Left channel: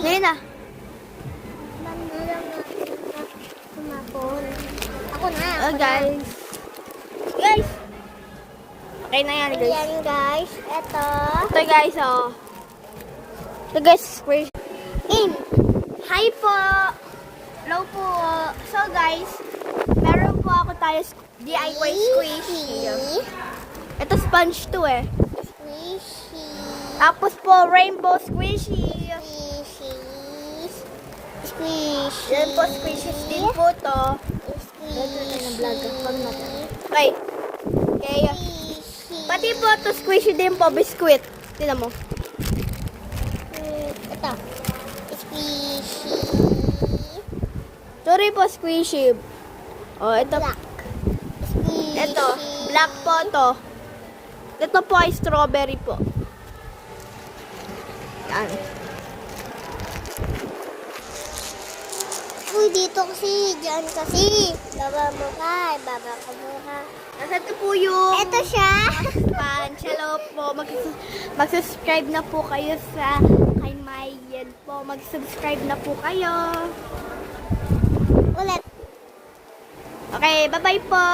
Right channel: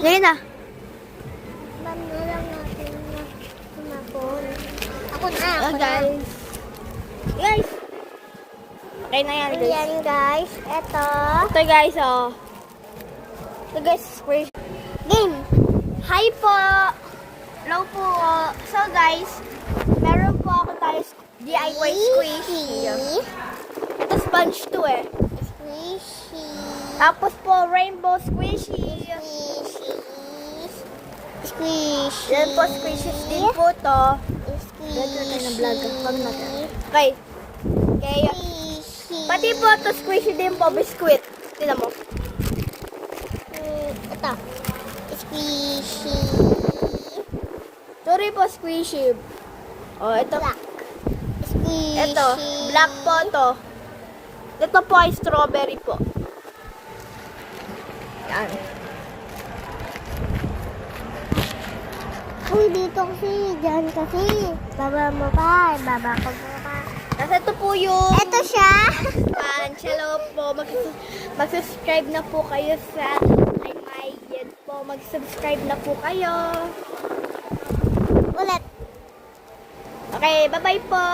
Ngayon na. Banda lang natin na kumapon. Ako na, Oh, ako na. guys. Guys. Okay na yan, guys. Ayan guys, eto. Ito, guys, oh. Ito, guys. Game. Hi po. Hello po. So, guys, meron po ako tayo DIY squishy. Ito sponge to eh. Squishy. Tapos po, rainbow squishy. Squishy. Yan po, squishy din po to. Squishy. Okay. Okay. Pati po to squishy din po, biscuit. Tignan mo. Ito. Squishy. Ito rin po squishy. Oh, ito. Black. Squishy. Ito, black po to. Ito po ay strawberry po. Yan. Uy, dito kasi. Diyan kasi. Baba mo pa. Baba ko mo pa. Tapos ito po yung Ito siya. Hello po. Mag-subscribe na po kayo sa kay Mayen po. Mag-subscribe na po kayo. Ulit. Okay, bye-bye po.